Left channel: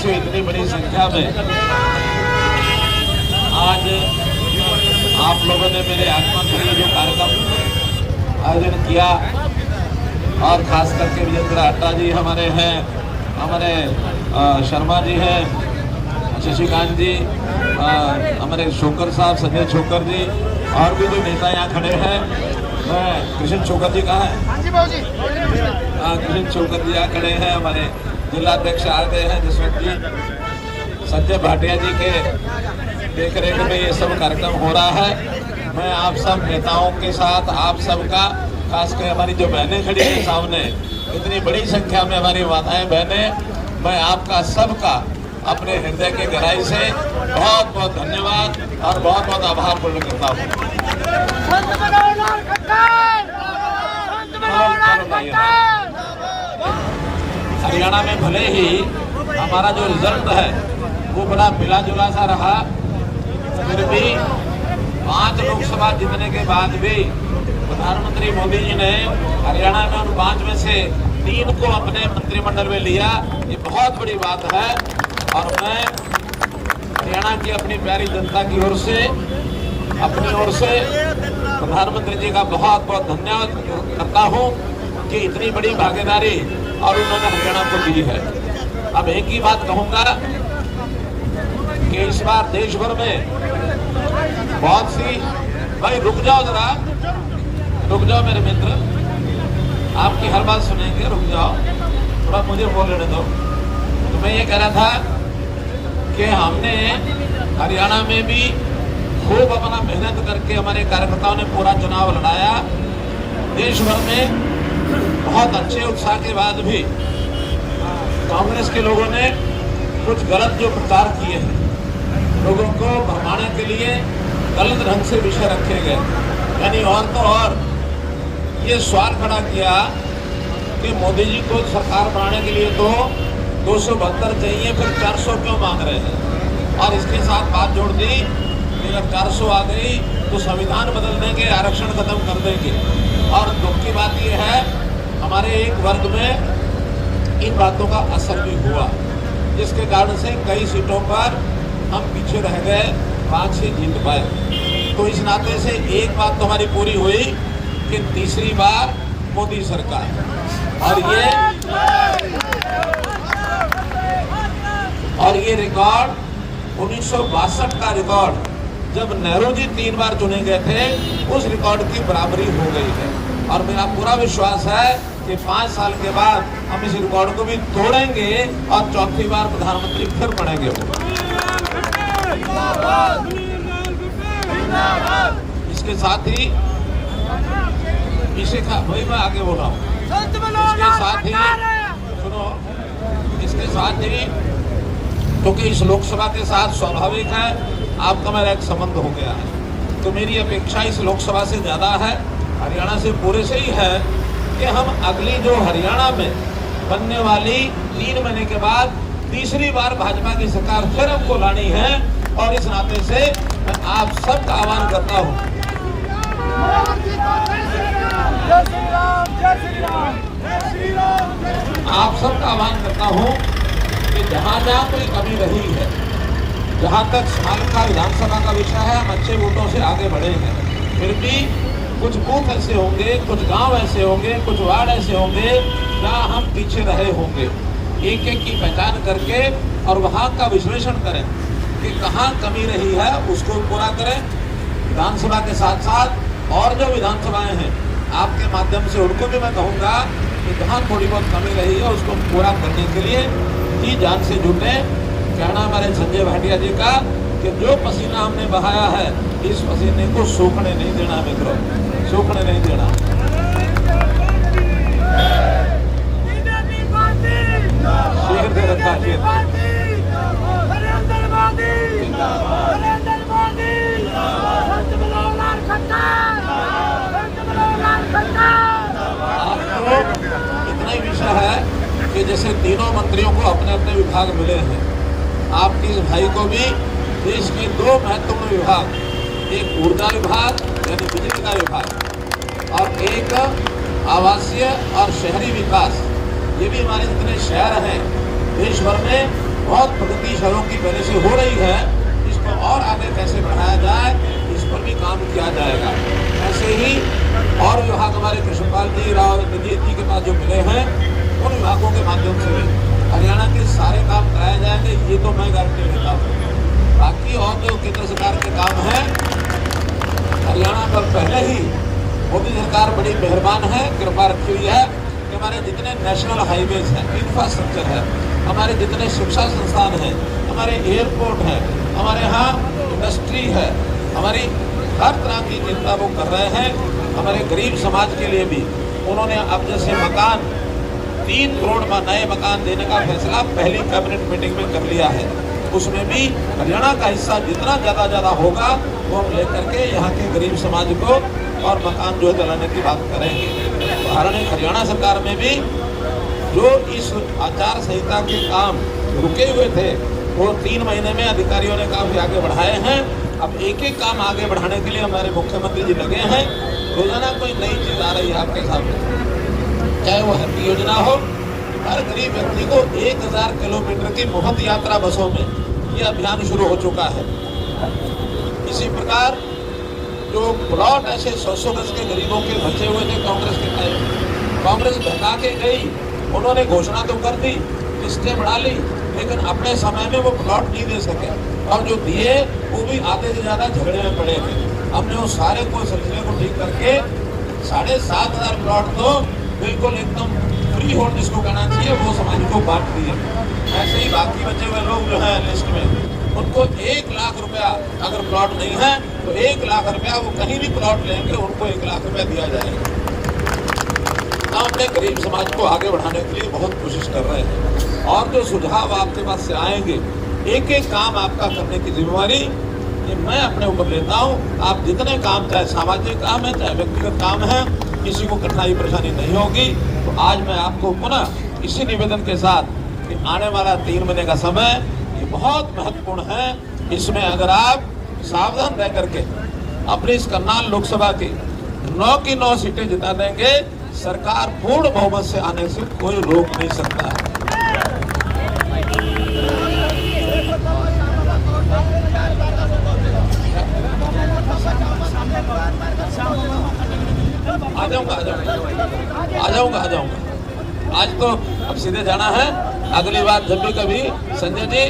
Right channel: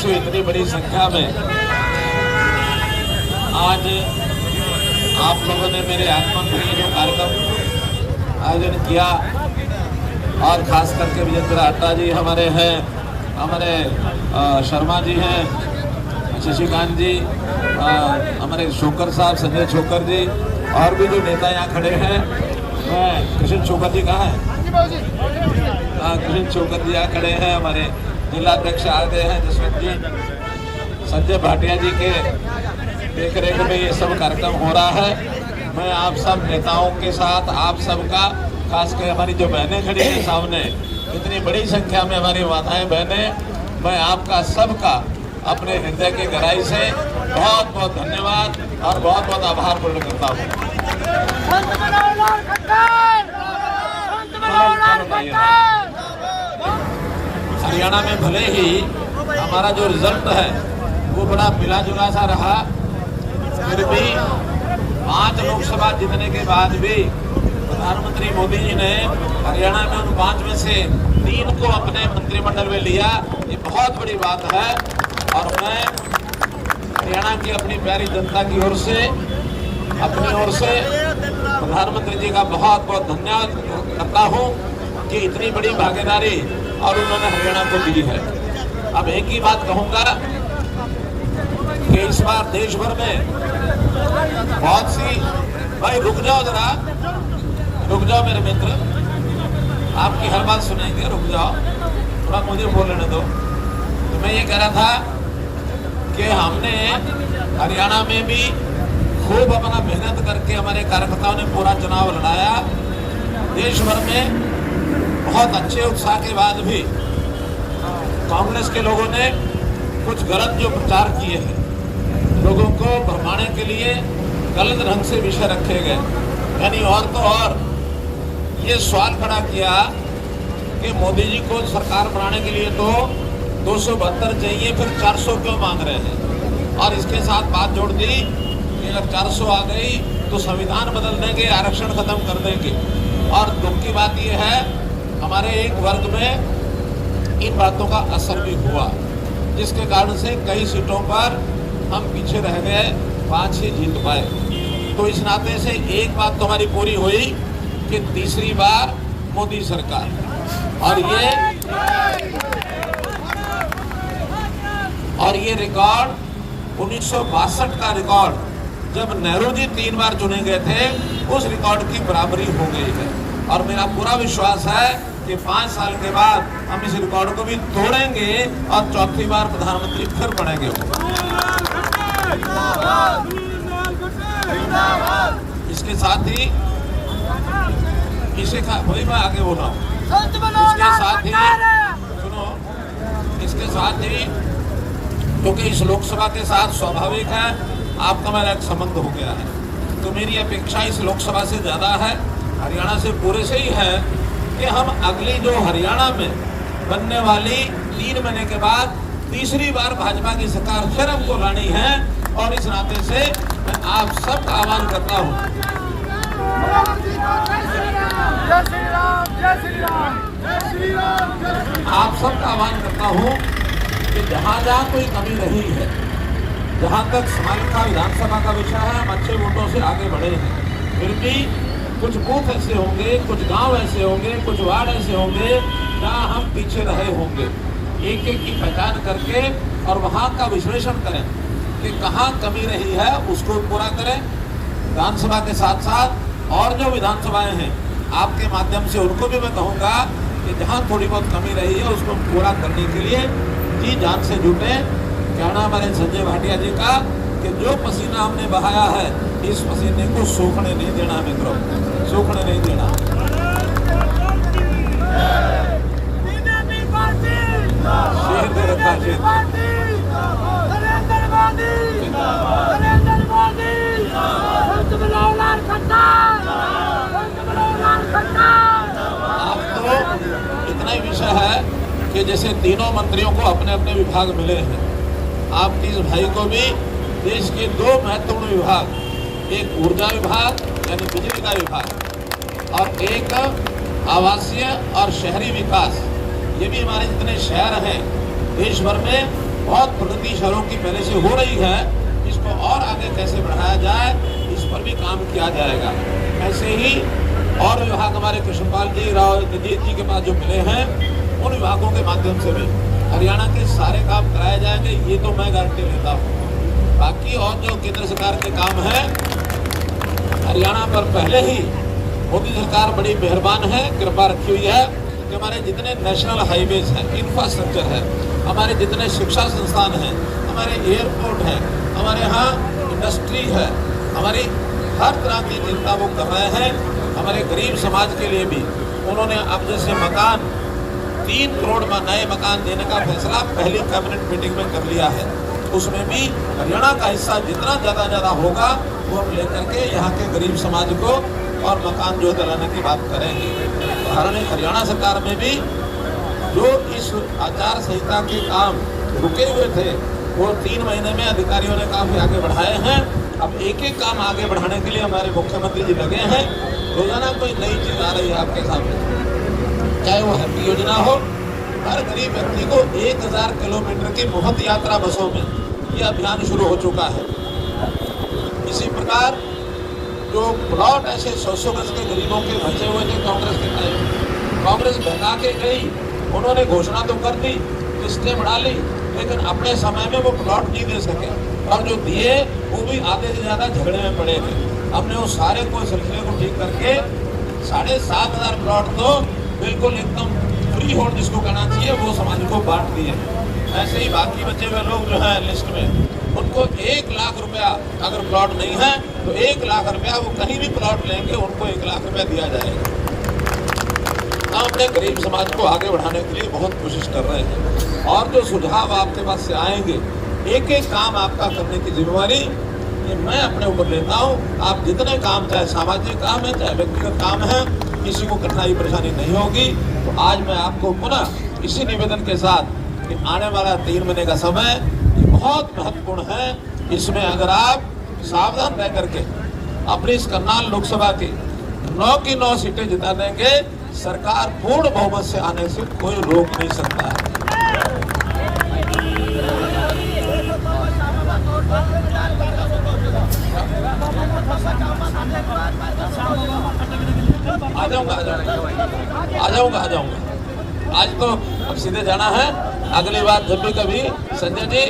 देशवासियों, इतनी बड़ी संख्या में आज आप लोगों ने मेरे आगमन के लिए जो कार्यक्रम आयोजन किया, और खास करके विजेंद्र अड्डा जी हमारे हैं, हमारे शर्मा जी हैं, शशिकांत जी, हमारे शोकर साहब, संजय शोकर जी, और भी जो नेता यहाँ खड़े हैं। कृष्ण शोकर जी कहाँ हैं? कृष्ण शोकर जी यहाँ खड़े हैं। हमारे जिलाध्यक्ष आ गए हैं जसवंत जी, संजय भाटिया जी के देख रेख में ये सब कार्यक्रम हो रहा है। मैं आप सब नेताओं के साथ, आप सबका, खासकर हमारी जो बहनें खड़ी हैं सामने, इतनी बड़ी संख्या में हमारी माताएं बहनें, मैं आपका सबका अपने हृदय के गहराई से बहुत बहुत धन्यवाद और बहुत बहुत आभार प्रकट करता हूँ। हरियाणा में भले ही हमारा जो रिजल्ट है वो बड़ा मिला जुला सा रहा, फिर भी 5 लोकसभा जीतने के बाद भी प्रधानमंत्री मोदी जी ने हरियाणा में उन 5 में से 3 को अपने मंत्रिमंडल में लिया। ये बहुत बड़ी बात है और मैं हरियाणा की अपनी प्यारी जनता की ओर से, अपनी ओर से प्रधानमंत्री जी का बहुत बहुत धन्यवाद करता हूँ कि इतनी बड़ी भागीदारी और उन्होंने हरियाणा को दी है। अब एक ही बात कहूँगा कि इस बार देश भर में बहुत सी, भाई रुक जाओ जरा, रुक जाओ मेरे मित्र, आपकी हर बात सुनेंगे, रुक जाओ, थोड़ा मुझे बोलने दो। तो मैं ये कह रहा था कि हमने हरियाणा में भी खूब अपना मेहनत करके हमारे कार्यकर्ताओं ने पूरा चुनाव लड़ाया। देश भर में बहुत अच्छे उत्साह के बाद भी कांग्रेस के लोगों ने कुछ गलत जो प्रचार किए हैं, लोगों को भरमाने के लिए गलत ढंग से विषय रखे गए, यानी और तो और ये सवाल खड़ा किया कि मोदी जी को सरकार बनाने के लिए तो 272 चाहिए, फिर 400 क्यों मांग रहे हैं, और इसके साथ बात जोड़ दी कि जब 400 आ गई तो संविधान बदल देंगे, आरक्षण खत्म कर देंगे। और दुख की बात यह है हमारे एक वर्ग में इन बातों का असर भी हुआ, जिसके कारण से कई सीटों पर हम पीछे रह गए, 5 ही जीत गए। तो इस नाते से एक बात तो हमारी पूरी हुई कि तीसरी बार मोदी सरकार, और ये रिकॉर्ड 1962 का रिकॉर्ड, जब नेहरू जी 3 बार चुने गए थे, उस रिकॉर्ड की बराबरी हो गई है। और मेरा पूरा विश्वास है कि 5 साल के बाद हम इस रिकॉर्ड को भी तोड़ेंगे और चौथी बार प्रधानमंत्री फिर बनेंगे। इसके साथ ही भाई मैं आगे बोला, इसके साथ ही सुनो, इसके साथ ही क्योंकि इस लोकसभा के साथ स्वाभाविक है आपका मेरा एक संबंध हो गया है, तो मेरी अपेक्षा इस लोकसभा से ज्यादा है, हरियाणा से पूरे से ही है कि हम अगली जो हरियाणा में बनने वाली 3 महीने के बाद तीसरी बार भाजपा की सरकार फिर हमको लानी है। और इस नाते से मैं आप सबका आह्वान करता हूँ, आप सबका आह्वान करता हूँ कि जहाँ जहाँ कोई कमी रही है, जहाँ तक सालका विधानसभा का विषय है, अच्छे वोटों से आगे बढ़े हैं, फिर भी कुछ बूथ ऐसे होंगे, कुछ गांव ऐसे होंगे, कुछ वार्ड ऐसे होंगे जहाँ हम पीछे रहे होंगे। एक एक की पहचान करके और वहाँ का विश्लेषण करें कि कहाँ कमी रही है, उसको पूरा करें। विधानसभा के साथ साथ और जो विधानसभाएं हैं, आपके माध्यम से उनको भी मैं कहूँगा कि जहाँ थोड़ी बहुत कमी रही है उसको पूरा करने के लिए जी जान से जुटे। कहना मेरे संजय भाटिया जी का कि जो पसीना हमने बहाया है, इस पसीने को सूखने नहीं देना मित्रों, सूखने नहीं देना। इतना ही विषय है कि जैसे तीनों मंत्रियों को अपने अपने विभाग मिले हैं, आपके इस भाई को भी देश के 2 महत्वपूर्ण विभाग, एक ऊर्जा विभाग यानी बिजली का विभाग और एक आवासीय और शहरी विकास, ये भी हमारे जितने शहर हैं देश भर में बहुत प्रगति शहरों की पहले से हो रही है, इसको और आगे कैसे बढ़ाया जाए इस पर भी काम किया जाएगा। ऐसे ही और विभाग हमारे कृष्णपाल जी, राव तेजीत जी के पास जो मिले हैं, उन विभागों के माध्यम से भी हरियाणा के सारे काम कराए जाएंगे, ये तो मैं गारंटी देता हूँ। बाकी और जो केंद्र सरकार के काम है, हरियाणा पर पहले ही मोदी सरकार बड़ी मेहरबान है, कृपा रखी हुई है कि हमारे जितने नेशनल हाईवेज हैं, इंफ्रास्ट्रक्चर है, हमारे जितने शिक्षा संस्थान हैं, हमारे एयरपोर्ट है, हमारे यहाँ इंडस्ट्री है, हमारी हर तरह की चिंता वो कर रहे हैं। हमारे गरीब समाज के लिए भी उन्होंने अब जैसे मकान 3 करोड़ में नए मकान देने का फैसला पहली कैबिनेट मीटिंग में कर लिया है। उसमें भी हरियाणा का हिस्सा जितना ज़्यादा होगा वो लेकर के यहाँ के गरीब समाज को और मकान जो दिलाने की बात करेंगे। हरियाणा सरकार में भी जो इस आचार संहिता के काम रुके हुए थे वो 3 महीने में अधिकारियों ने काफी आगे बढ़ाए हैं। अब एक एक काम आगे बढ़ाने के लिए हमारे मुख्यमंत्री जी लगे हैं। रोजाना कोई नई चीज आ रही है आपके सामने, चाहे वो हेल्थ योजना हो, हर गरीब व्यक्ति को 1000 किलोमीटर की मुफ्त यात्रा बसों में ये अभियान शुरू हो चुका है। इसी प्रकार जो प्लॉट ऐसे 100 गज के गरीबों के बचे हुए थे कांग्रेस के टाइम, कांग्रेस बना के गई, उन्होंने घोषणा तो कर दी, लिस्टें बढ़ा ली, लेकिन अपने समय में वो प्लॉट नहीं दे सके और जो दिए वो भी आधे से ज्यादा झगड़े में पड़े थे। हमने उस सारे को सिलसिले को ठीक करके 7,500 प्लॉट तो बिल्कुल एकदम फ्री होल्ड जिसको कहना चाहिए वो समाज को बांट दिए। ऐसे ही बाकी बचे हुए लोग जो है लिस्ट में, उनको 1 लाख रुपया अगर प्लॉट नहीं है तो 1 लाख रुपया वो कहीं भी प्लॉट लेंगे, उनको 1 लाख रुपया दिया जाएगा। हम अपने गरीब समाज को आगे बढ़ाने के लिए बहुत कोशिश कर रहे हैं और जो सुझाव आपके पास से आएंगे, एक एक काम आपका करने की जिम्मेवारी ये मैं अपने ऊपर लेता हूँ। आप जितने काम, चाहे सामाजिक काम है चाहे व्यक्तिगत काम है, किसी को कठिनाई परेशानी नहीं होगी। तो आज मैं आपको पुनः इसी निवेदन के साथ कि आने वाला 3 महीने का समय ये बहुत महत्वपूर्ण है। इसमें अगर आप सावधान रह करके अपनी इस करनाल लोकसभा की 9 की 9 सीटें जिता देंगे, सरकार पूर्ण बहुमत से आने से कोई रोक नहीं सकता। आ जाऊंगा। आज तो अब सीधे जाना है, अगली बार जब भी कभी संजय जी